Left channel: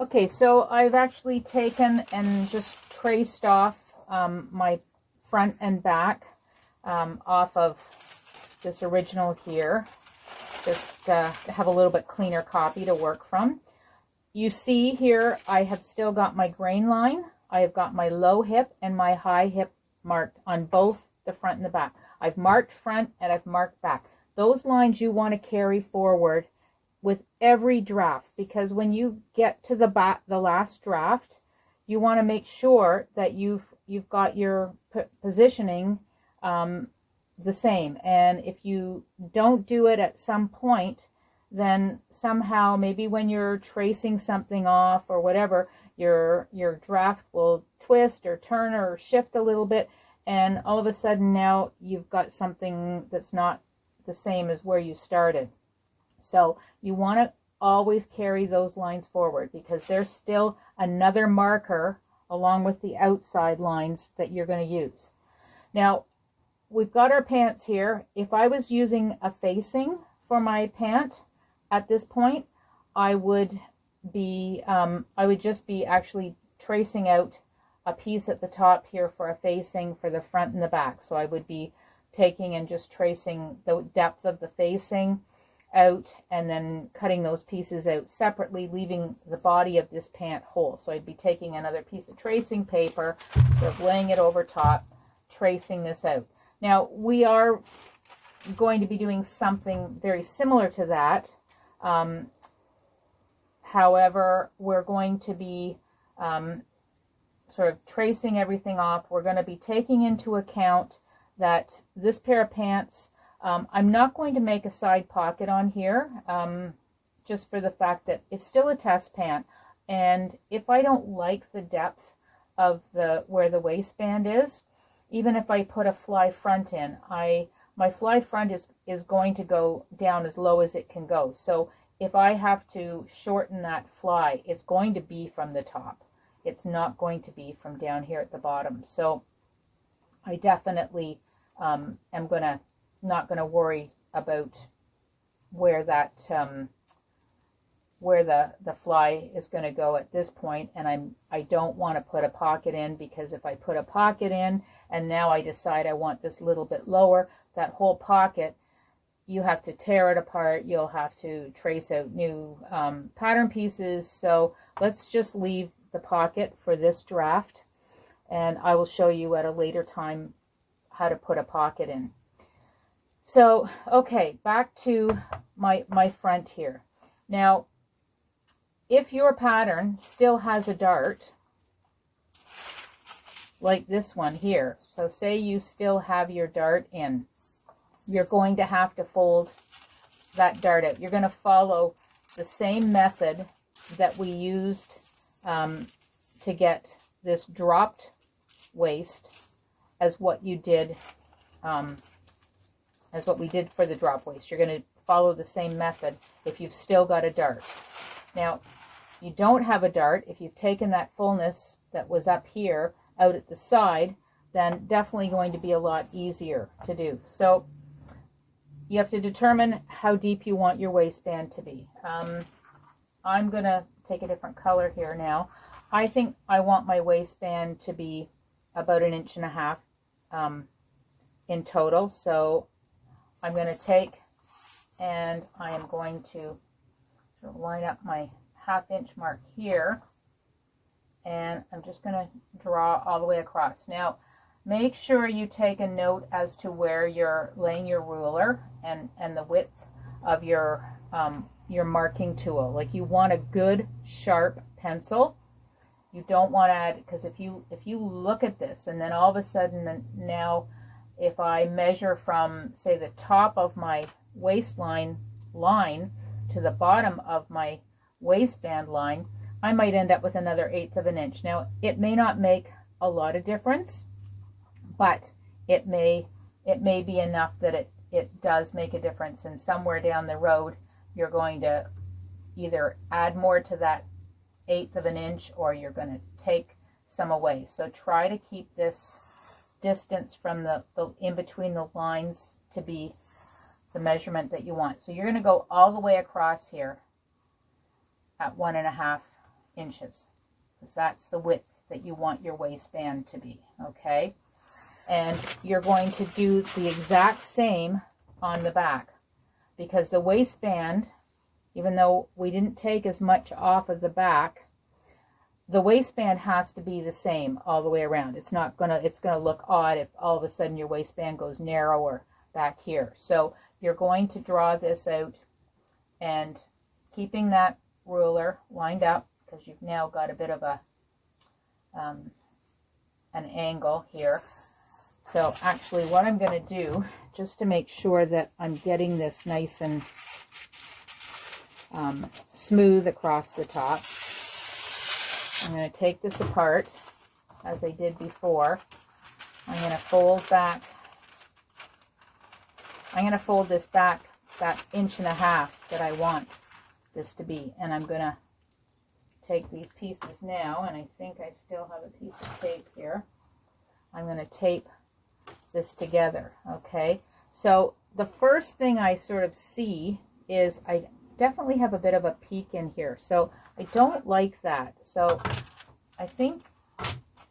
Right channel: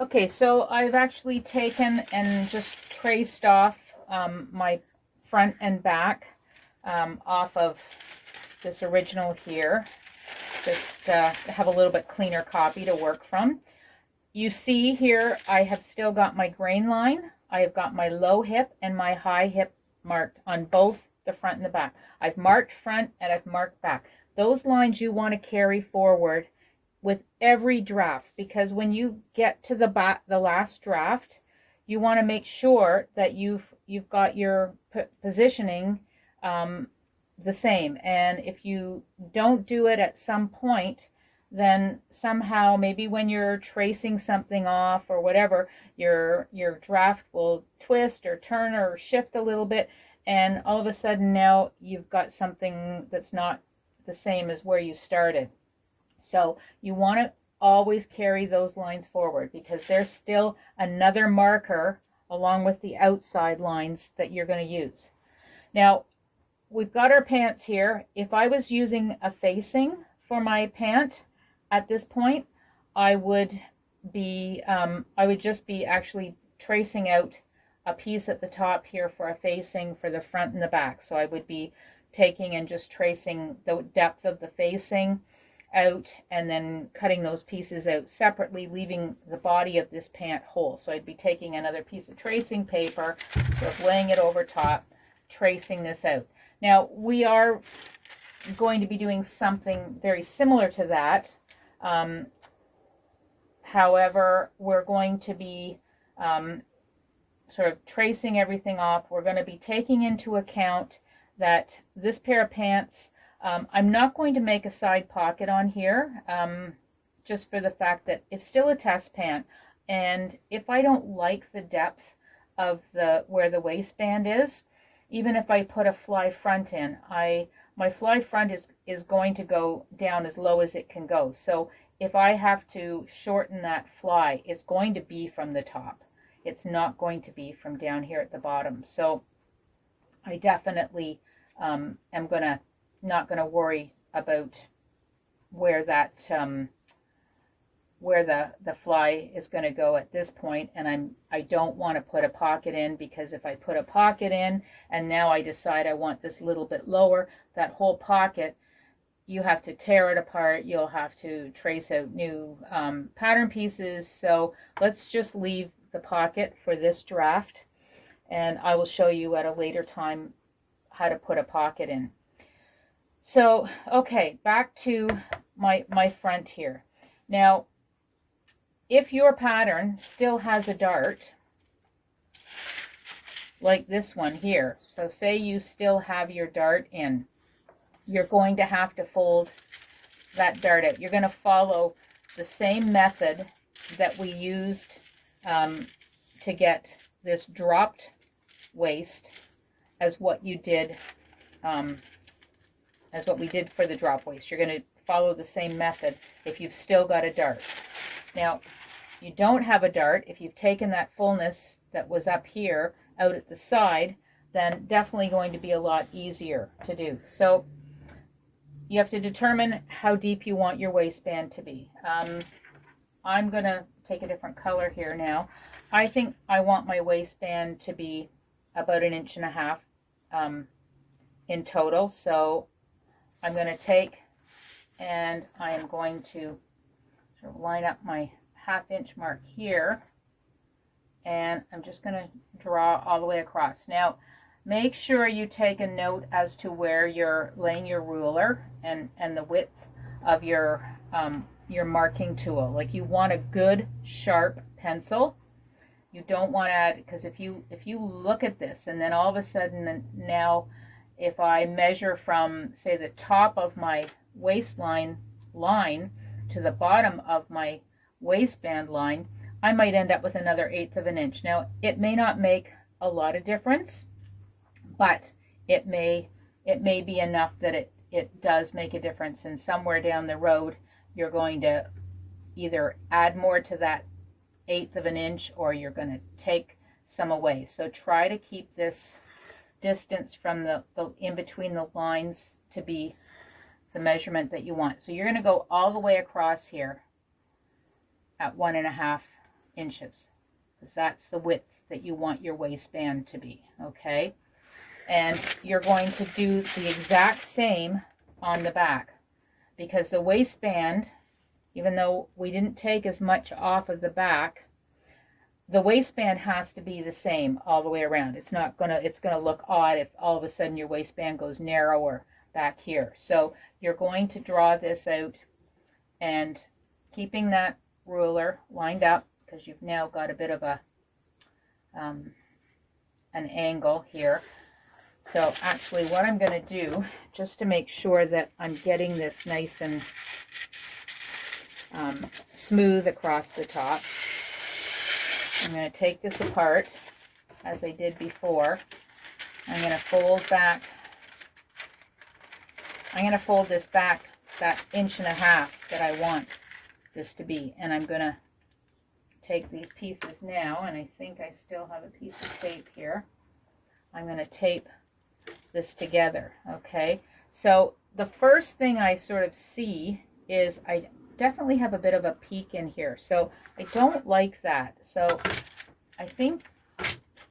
Okay, so I've actually taken and just traced off my front and back off of this original here, just to have a little bit cleaner copy to work from. You see here I have still got my grain line. I have got my low hip and my high hip marked on both the front and the back. I've marked front and I've marked back. Those lines you want to carry forward with every draft, because when you get to the last draft, you want to make sure that you've got your positioning the same. And if you don't do it at some point, then somehow maybe when you're tracing something off or whatever, your draft will twist or turn or shift a little bit, and all of a sudden now you've got something that's not the same as where you started. So you want to always carry those lines forward, because there's still another marker along with the outside lines that you're going to use. Now, we've got our pants here. If I was using a facing for my pant at this point, I would just be actually tracing out a piece at the top here for a facing for the front and the back. So I would be taking and just tracing the depth of the facing out and then cutting those pieces out separately, leaving the body of this pant whole. So I'd be taking another piece of tracing paper, sort of laying it over top, tracing this out. Now we are going to be doing something very similar to that. However, we're going to be sort of tracing everything off. We're going to be taking into account that this pair of pants, I'm not going to make a side pocket on here, just for the fact that it's still a test pant. And if I don't like the depth of where the waistband is, even if I put a fly front in, my fly front is going to go down as low as it can go. So if I have to shorten that fly, it's going to be from the top. It's not going to be from down here at the bottom. So I definitely am not gonna worry about where that where the fly is going to go at this point. And I don't want to put a pocket in, because if I put a pocket in and now I decide I want this little bit lower, that whole pocket, you have to tear it apart. You'll have to trace out new pattern pieces. So let's just leave the pocket for this draft, and I will show you at a later time how to put a pocket in. So, okay, back to my front here. Now, if your pattern still has a dart, like this one here, so say you still have your dart in, you're going to have to fold that dart out. You're going to follow the same method that we used to get this dropped waist as what you did, as what we did for the drop waist. You're going to follow the same method if you've still got a dart. Now, you don't have a dart. If you've taken that fullness that was up here out at the side, then definitely going to be a lot easier to do. So you have to determine how deep you want your waistband to be. I'm going to take a different color here now. I think I want my waistband to be about 1.5 inches in total. So I'm going to take and I am going to sort of line up my 1/2 inch mark here, and I'm just going to draw all the way across. Now, make sure you take a note as to where you're laying your ruler and the width of your marking tool. Like, you want a good sharp pencil. You don't want to add, because if you look at this and then all of a sudden now if I measure from, say, the top of my waistline line to the bottom of my waistband line, I might end up with another 1/8 inch. Now, it may not make a lot of difference, but it may be enough that it does make a difference, and somewhere down the road you're going to either add more to that 1/8 inch or you're going to take some away. So try to keep this distance from the in between the lines to be the measurement that you want. So you're going to go all the way across here at 1.5 inches, because that's the width that you want your waistband to be, okay? And you're going to do the exact same on the back, because the waistband, even though we didn't take as much off of the back, the waistband has to be the same all the way around. It's gonna look odd if all of a sudden your waistband goes narrower back here. So you're going to draw this out and keeping that ruler lined up, because you've now got a bit of a an angle here. So actually what I'm going to do, just to make sure that I'm getting this nice and smooth across the top, I'm going to take this apart as I did before. I'm going to fold back. I'm going to fold this back that 1.5 inches that I want this to be, and I'm going to take these pieces now, and I think I still have a piece of tape here. I'm going to tape this together, okay? So the first thing I sort of see is I definitely have a bit of a peak in here, so I don't like that. So I think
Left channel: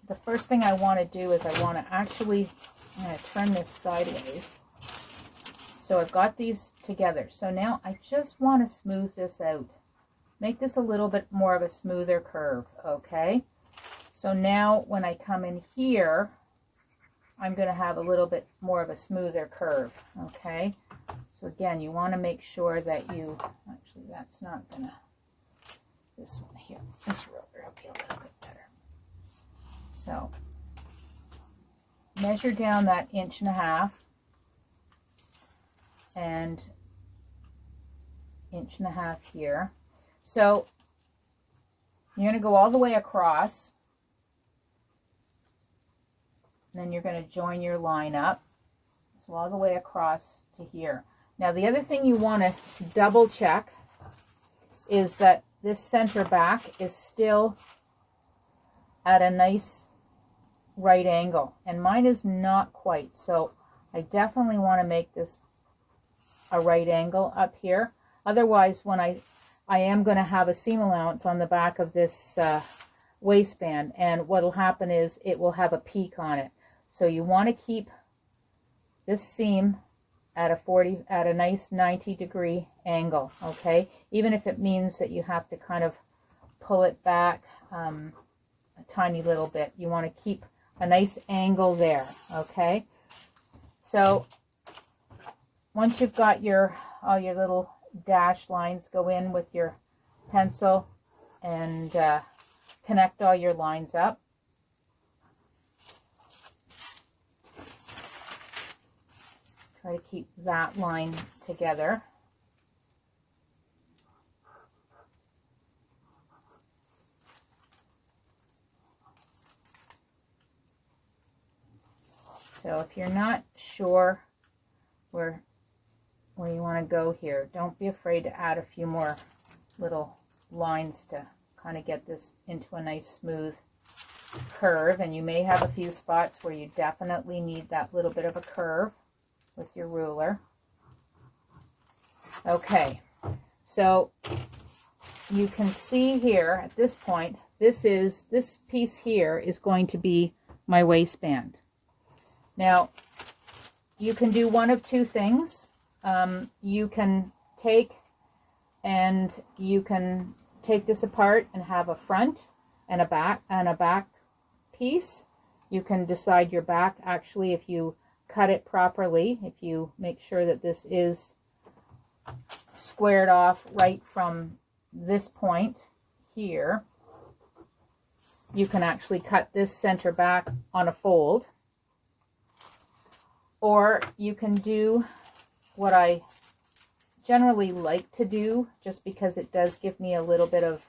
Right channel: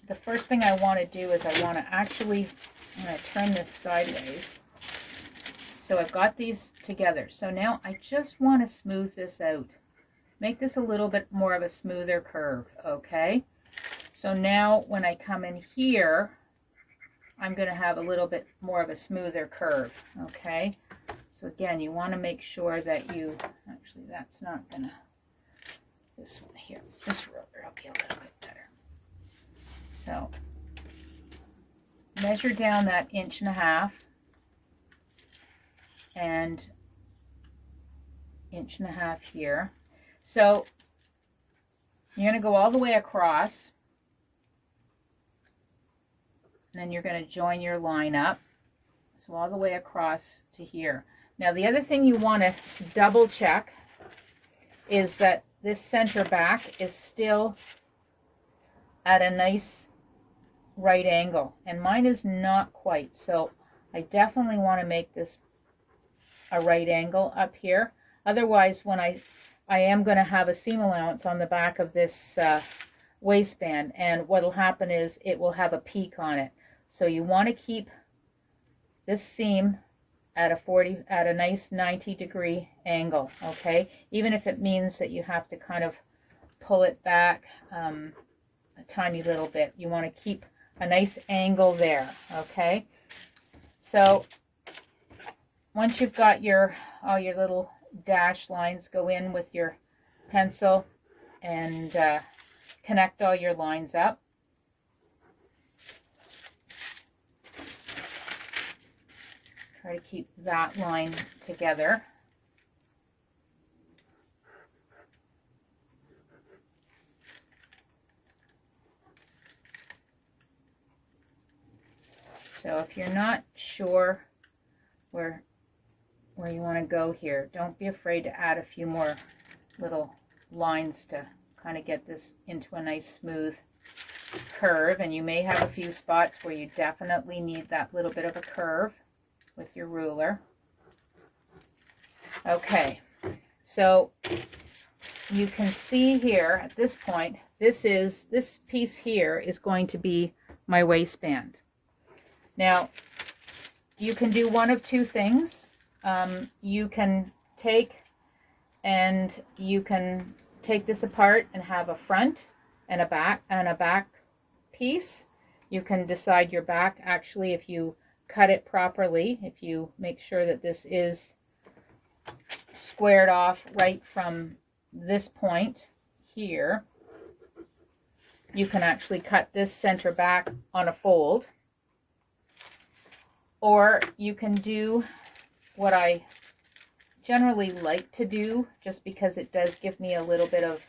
the first thing I want to do is I want to actually, I'm going to turn this sideways. So I've got these together. So now I just want to smooth this out. Make this a little bit more of a smoother curve, okay? So now when I come in here, I'm going to have a little bit more of a smoother curve, okay? So again, you want to make sure that you, actually that's not going to, this one here, this ruler will be a little bit better. So measure down that 1.5 inches and 1.5 inches here. So you're going to go all the way across, and then you're going to join your line up. So all the way across to here. Now the other thing you want to double check is that this center back is still at a nice right angle, and mine is not quite. So I definitely want to make this a right angle up here. Otherwise, when I am going to have a seam allowance on the back of this waistband, and what will happen is it will have a peak on it. So you want to keep this seam at a nice 90-degree angle, okay? Even if it means that you have to kind of pull it back a tiny little bit, you want to keep a nice angle there, okay? So once you've got all your little dash lines, go in with your pencil and connect all your lines up. Try to keep that line together. So if you're not sure where you want to go here, don't be afraid to add a few more little lines to kind of get this into a nice smooth curve. And you may have a few spots where you definitely need that little bit of a curve with your ruler. Okay, so you can see here at this point, this piece here is going to be my waistband. Now you can do one of two things. You can take this apart and have a front and a back piece. You can decide your back, actually, if you cut it properly, if you make sure that this is squared off right from this point here, you can actually cut this center back on a fold. Or you can do what I generally like to do, just because it does give me a little bit of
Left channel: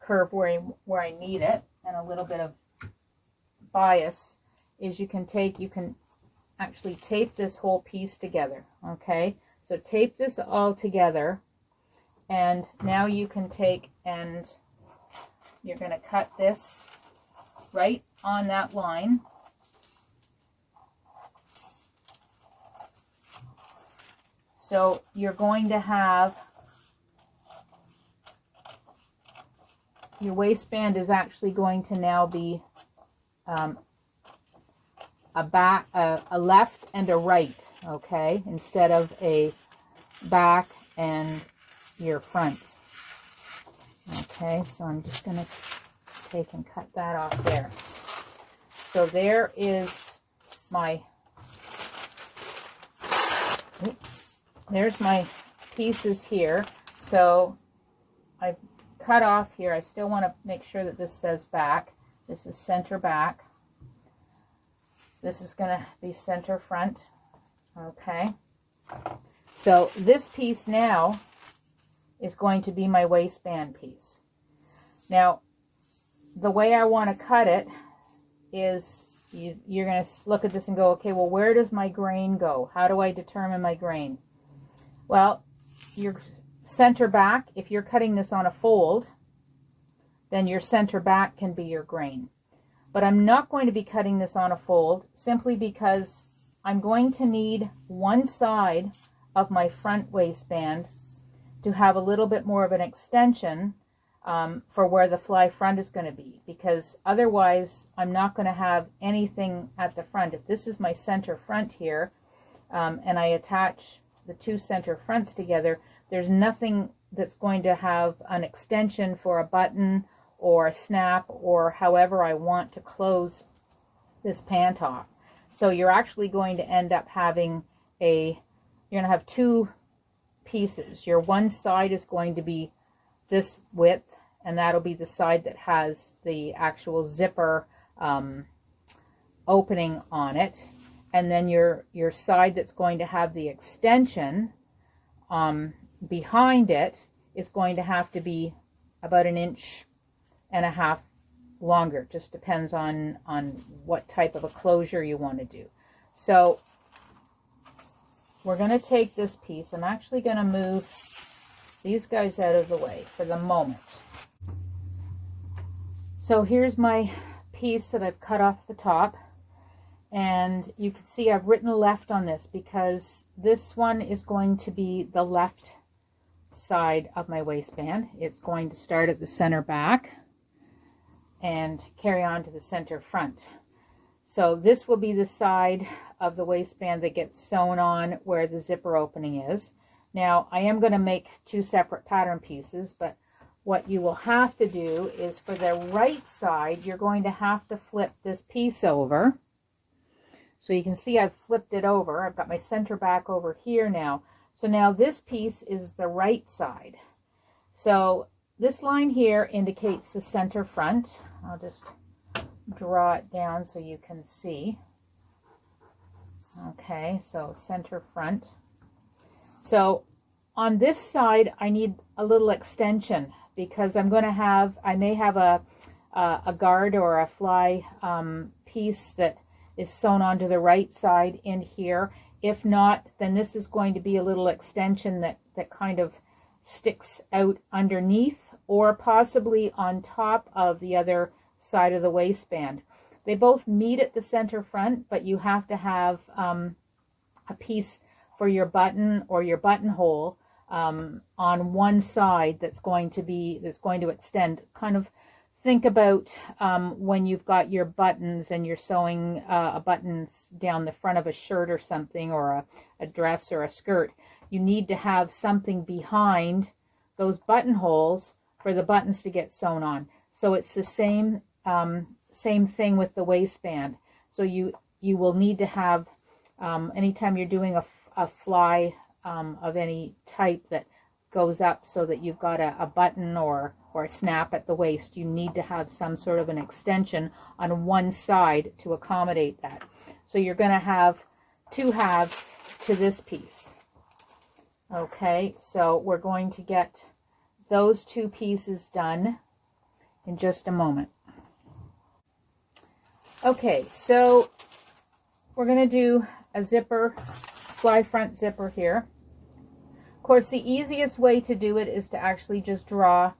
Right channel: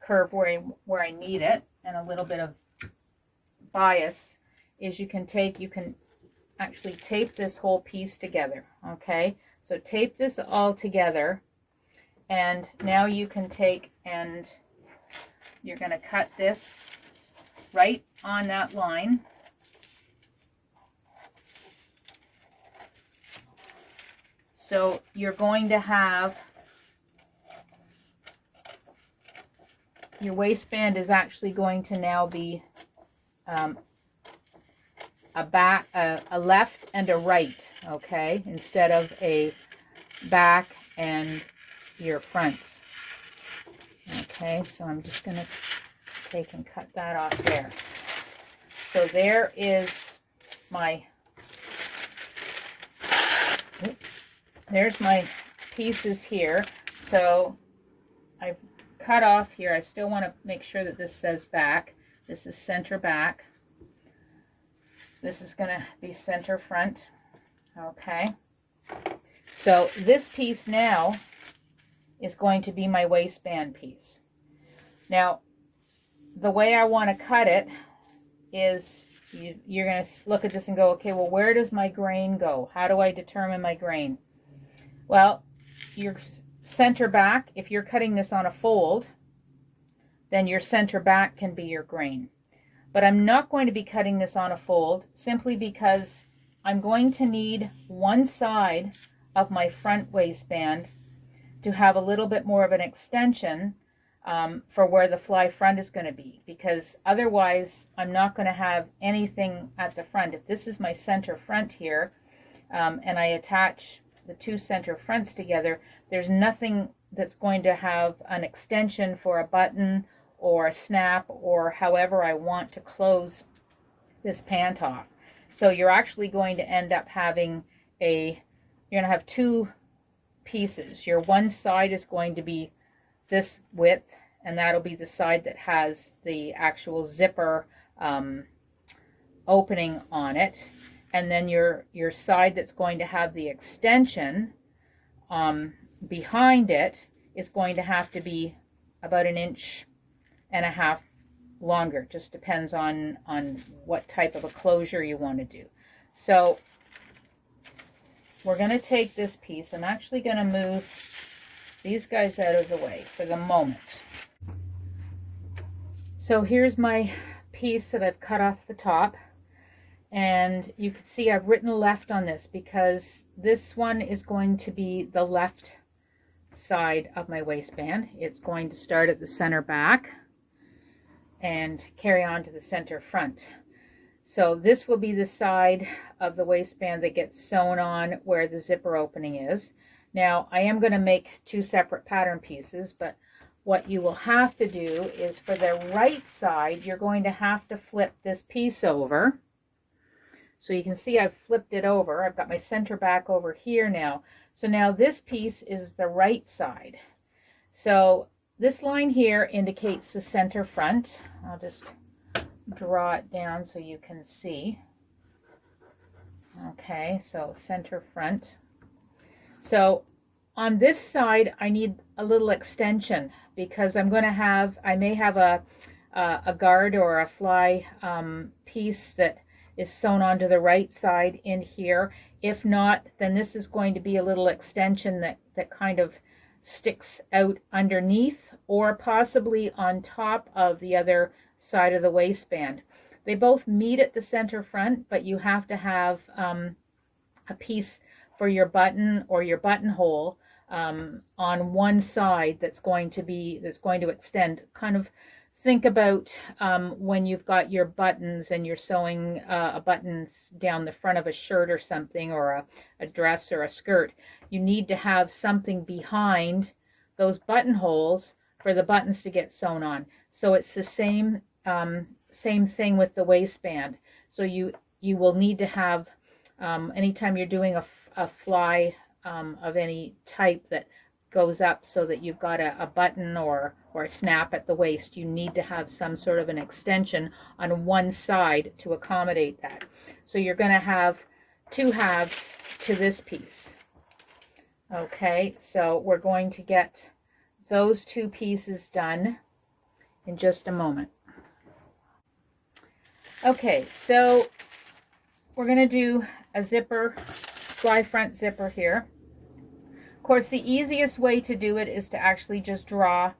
curve where I need it, and a little bit of bias, is you can actually tape this whole piece together, okay? So tape this all together, and now you can take and you're going to cut this right on that line. So you're going to have your waistband is actually going to now be a left and a right, okay, instead of a back and your fronts. Okay, so I'm just going to take and cut that off there. So there is my, there's my pieces here. So I've cut off here. I still want to make sure that this says back. This is center back. This is going to be center front. Okay. So this piece now is going to be my waistband piece. Now, the way I want to cut it is you're going to look at this and go, okay, well, where does my grain go? How do I determine my grain? Well, your center back, if you're cutting this on a fold, then your center back can be your grain. But I'm not going to be cutting this on a fold simply because I'm going to need one side of my front waistband to have a little bit more of an extension for where the fly front is going to be, because otherwise I'm not going to have anything at the front. If this is my center front here, and I attach the two center fronts together, there's nothing that's going to have an extension for a button or a snap or however I want to close this pant off. So you're actually going to end up having you're going to have two pieces. Your one side is going to be this width, and that'll be the side that has the actual zipper opening on it. And then your side that's going to have the extension behind it is going to have to be about 1.5 inches longer. Just depends on what type of a closure you want to do. So we're going to take this piece. I'm actually going to move these guys out of the way for the moment. So here's my piece that I've cut off the top, and you can see I've written left on this because this one is going to be the left side of my waistband. It's going to start at the center back and carry on to the center front. So this will be the side of the waistband that gets sewn on where the zipper opening is. Now I am going to make two separate pattern pieces, but what you will have to do is for the right side, you're going to have to flip this piece over. So you can see I've flipped it over. I've got my center back over here now. So now this piece is the right side. So this line here indicates the center front. I'll just draw it down so you can see. Okay, so center front. So on this side, I need a little extension because I may have a guard or a fly piece that is sewn onto the right side in here. If not, then this is going to be a little extension that kind of sticks out underneath or possibly on top of the other side of the waistband. They both meet at the center front, but you have to have a piece for your button or your buttonhole on one side that's going to extend. Kind of think about when you've got your buttons and you're sewing buttons down the front of a shirt or something, or a dress or a skirt. You need to have something behind those buttonholes for the buttons to get sewn on. So it's the same thing with the waistband. So you will need to have, anytime you're doing a fly of any type that goes up so that you've got a button or a snap at the waist, you need to have some sort of an extension on one side to accommodate that. So you're going to have two halves to this piece. Okay, so we're going to get those two pieces done in just a moment. Okay, so we're going to do a zipper, fly front zipper here. Of course, the easiest way to do it is to actually just draw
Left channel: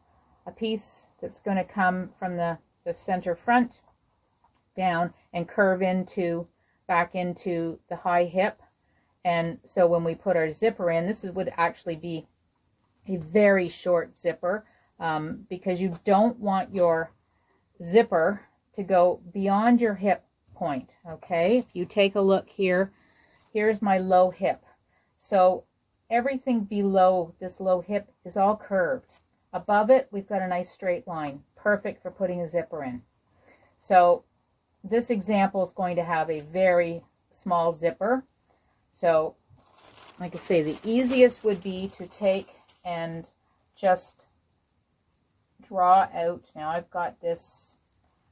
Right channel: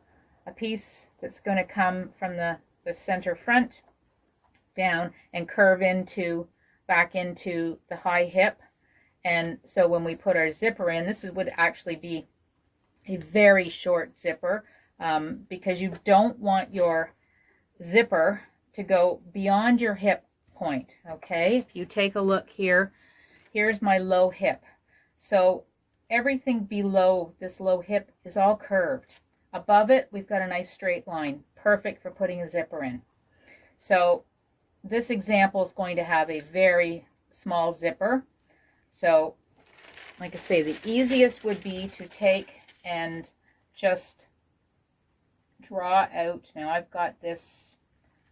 a piece that's going to come from the center front down and curve back into the high hip. And so when we put our zipper in, would actually be a very short zipper. because you don't want your zipper to go beyond your hip point. Okay, if you take a look here, here's my low hip. So everything below this low hip is all curved. Above it, we've got a nice straight line, perfect for putting a zipper in. So this example is going to have a very small zipper. So like I say, the easiest would be to take and just draw out. Now I've got this,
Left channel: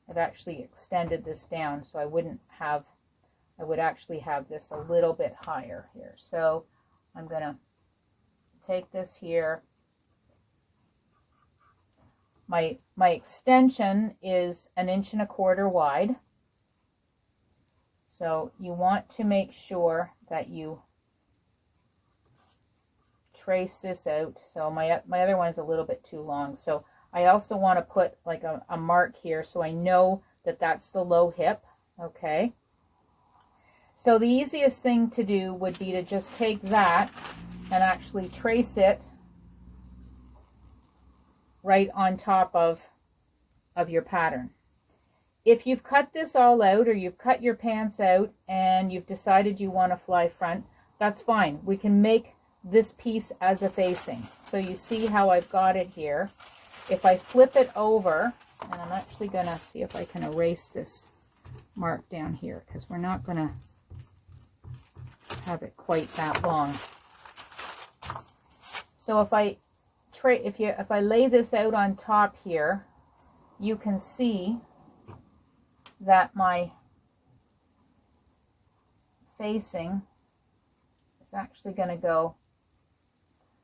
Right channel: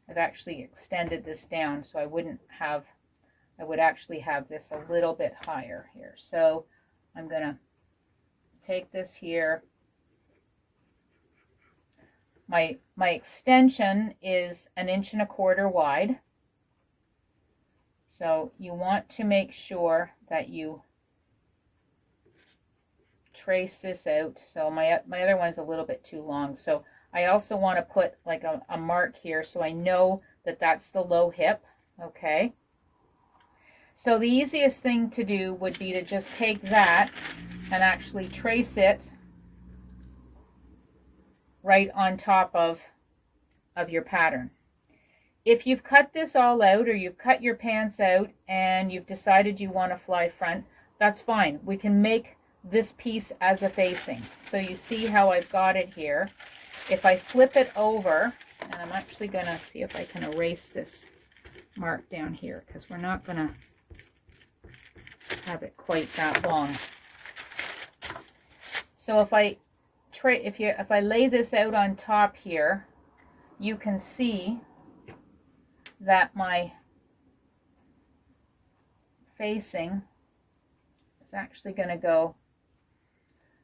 I've actually extended this down, so I would actually have this a little bit higher here. So I'm going to take this here. My extension is 1 1/4 inches wide. So you want to make sure that you trace this out. So my other one is a little bit too long. So I also want to put like a mark here so I know that that's the low hip. Okay. So the easiest thing to do would be to just take that and actually trace it right on top of your pattern. If you've cut this all out, or you've cut your pants out and you've decided you want to fly front, that's fine. We can make this piece as a facing. So you see how I've got it here. If I flip it over, and I'm actually going to see if I can erase this mark down here, because we're not going to have it quite that long. So if I lay this out on top here, you can see that my facing is actually going to go,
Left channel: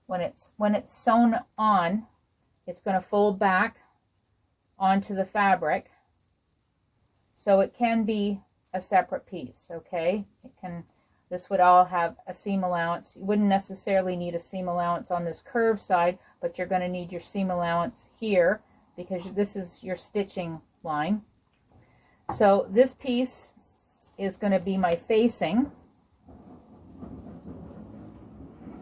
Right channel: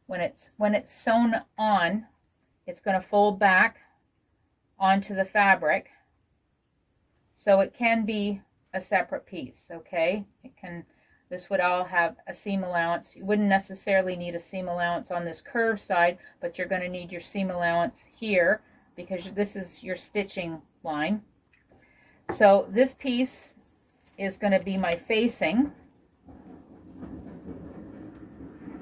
when it's sewn on, it's going to fold back onto the fabric, so it can be a separate piece. Okay, this would all have a seam allowance. You wouldn't necessarily need a seam allowance on this curved side, but you're going to need your seam allowance here because this is your stitching line. So this piece is going to be my facing.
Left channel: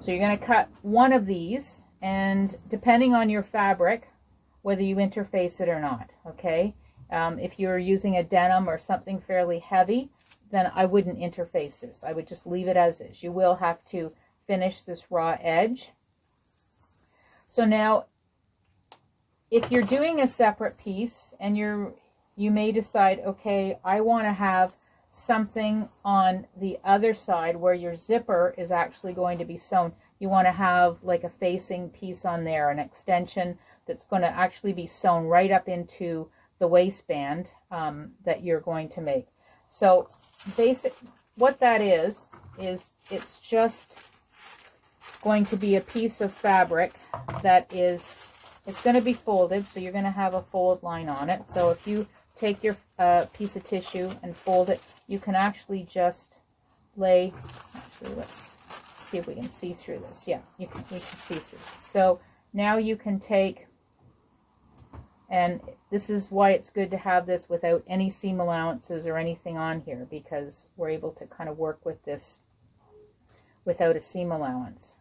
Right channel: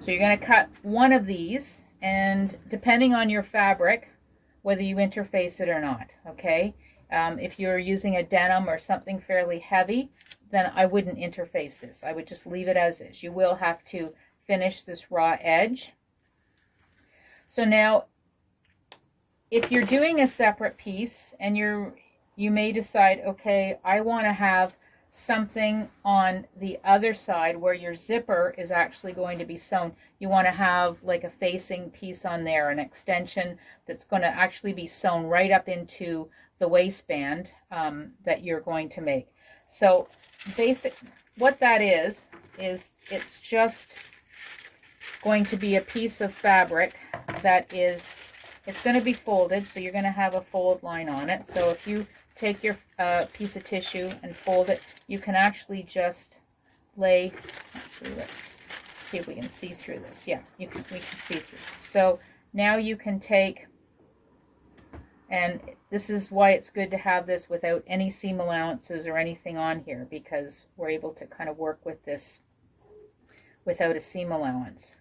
So you're going to cut one of these, and depending on your fabric, whether you interface it or not. Okay, if you're using a denim or something fairly heavy, then I wouldn't interface this. I would just leave it as is. You will have to finish this raw edge. So now, if you're doing a separate piece and you may decide, okay, I want to have something on the other side where your zipper is actually going to be sewn. You want to have like a facing piece on there, an extension that's going to actually be sewn right up into the waistband that you're going to make. So what that is it's just going to be a piece of fabric that it's going to be folded, so you're going to have a fold line on it. So if you take your piece of tissue and fold it, you can actually just lay, actually let's see if we can see through this. Yeah, we can see through this. So now you can take, and this is why it's good to have this without any seam allowances or anything on here, because we're able to kind of work with this without a seam allowance.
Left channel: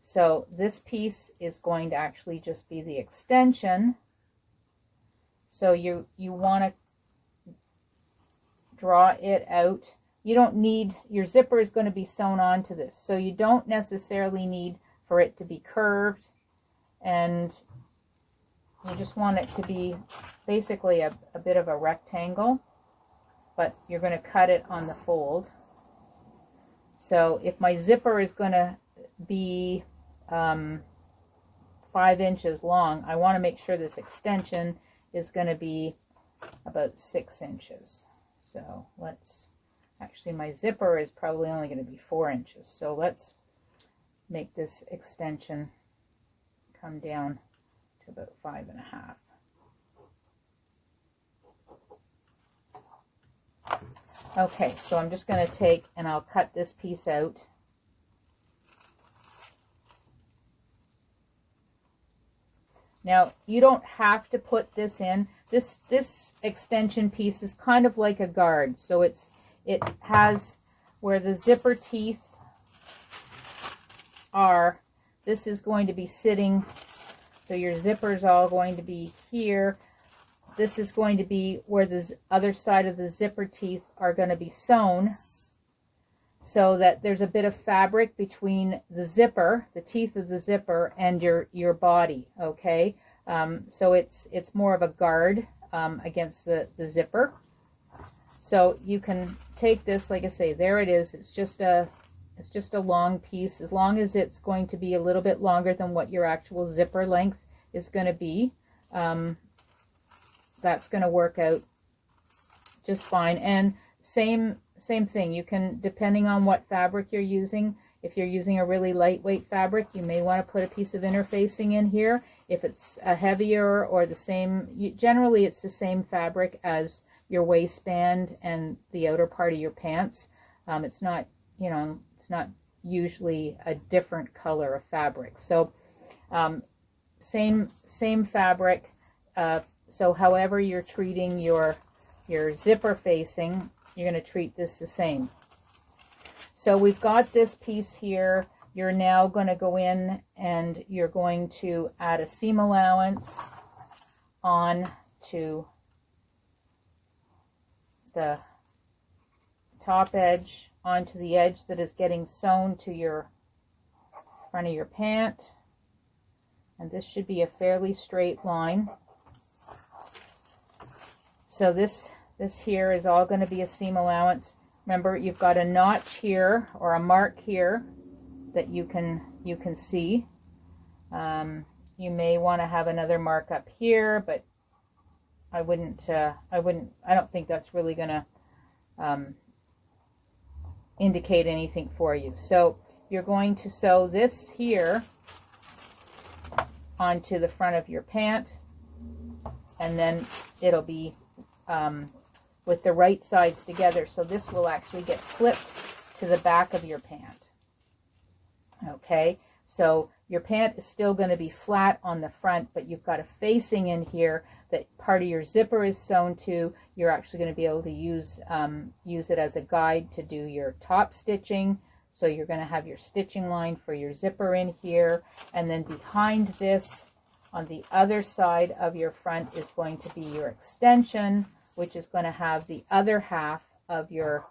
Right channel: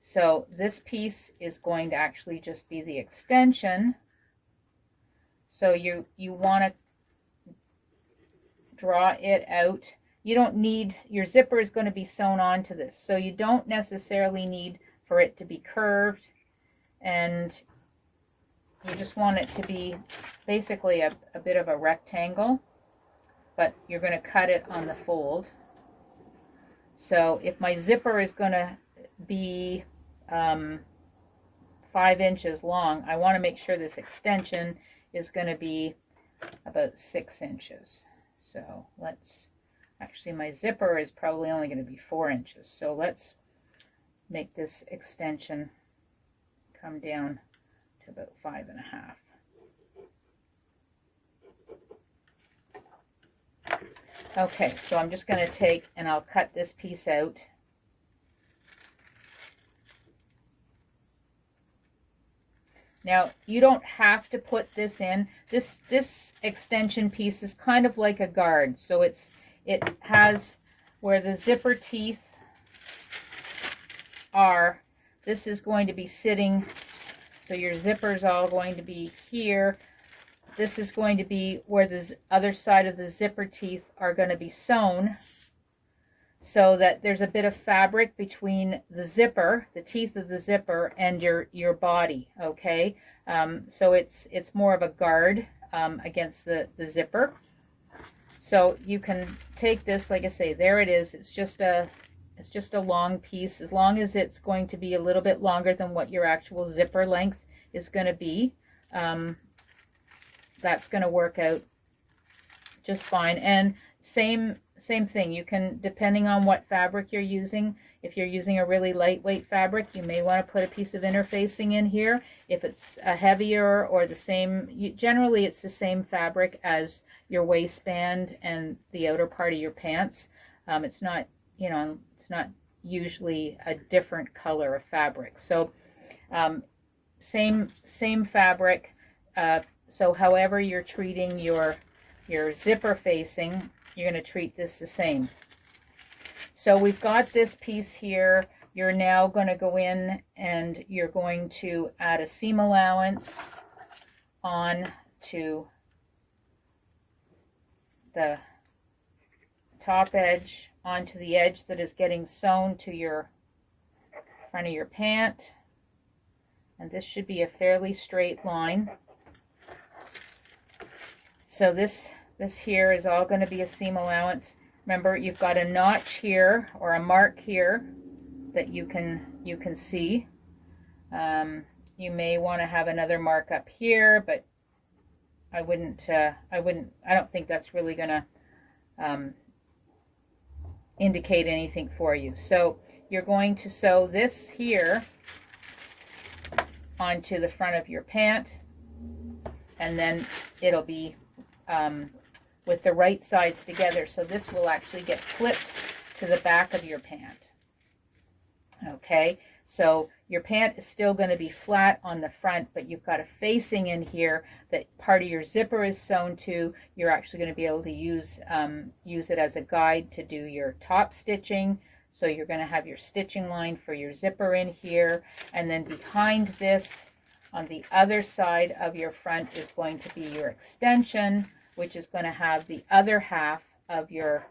So this piece is going to actually just be the extension. So you want to draw it out. You don't need, your zipper is going to be sewn onto this, so you don't necessarily need for it to be curved, and you just want it to be basically a bit of a rectangle, but you're going to cut it on the fold. So if my zipper is going to be 5 inches long, I want to make sure this extension is going to be about 6 inches. So actually my zipper is probably only going to be 4 inches. So let's make this extension come down to about 5.5. Okay, so I'm just going to take and I'll cut this piece out. Now, you don't have to put this in. This extension piece is kind of like a guard. So it has where the zipper teeth are. This is going to be sitting So your zipper is all going to be here. This is going to be where the other side of the zipper teeth are going to be sewn, so that there's a bit of fabric between the zipper, the teeth of the zipper, and your body, okay? So it's more of a guard against the zipper. So you can take this, like I say, there it is. It's just a long piece. As long as it's going to be a little bit longer than what your actual zipper length is going to be, that's going to work out just fine. And same thing, you can, depending on what fabric you're using, if you're using a really lightweight fabric, you may want to put a piece of interfacing in here. If it's a heavier or the same, generally it's the same fabric as your waistband and the outer part of your pants. It's not, you know, it's not usually a different color of fabric. So same fabric. So however you're treating your zipper facing, you're going to treat this the same. So we've got this piece here. You're now going to go in and you're going to add a seam allowance on to the top edge, onto the edge that is getting sewn to your front of your pant. And this should be a fairly straight line. So this here is all going to be a seam allowance. Remember, you've got a notch here or a mark here that you can see. You may want to have another mark up here, but I don't think that's really going to indicate anything for you. So you're going to sew this here onto the front of your pant, and then it'll be with the right sides together. So this will actually get flipped to the back of your pant. Okay, so your pant is still going to be flat on the front, but you've got a facing in here that part of your zipper is sewn to. You're actually going to be able to use it as a guide to do your top stitching. So you're going to have your stitching line for your zipper in here, and then behind this on the other side of your front is going to be your extension, which is going to have the other half of your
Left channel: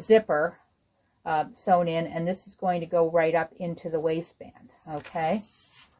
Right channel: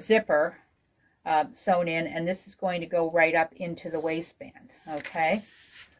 zipper sewn in, and this is going to go right up into the waistband. Okay,